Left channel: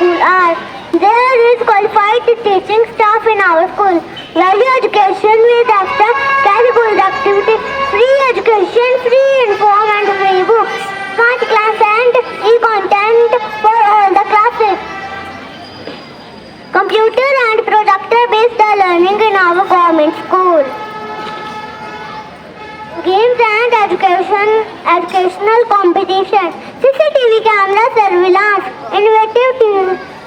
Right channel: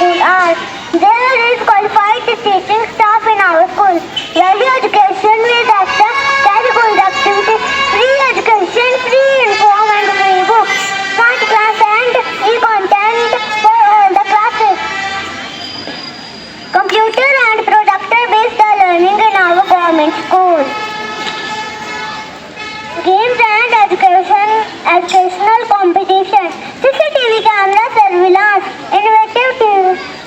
There is qualified teaching staff in our school. Early education with access, very free education, free informed free books, smart class and e-content for the, uh, the classes. Computer and projector based learning in our government school games and education, educational competition, CCTV camera surveillance, innovative, te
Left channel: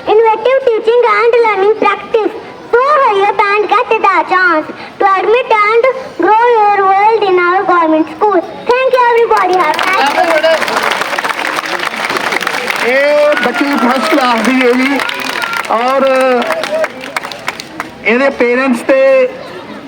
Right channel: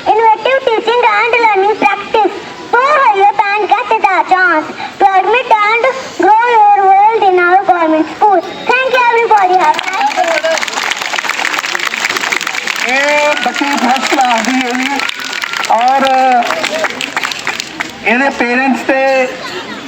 innovative teaching and learning practice, four so, higher and get chance to admit and grow your world in our government schools. Thank you everybody. और इन्हें parents पे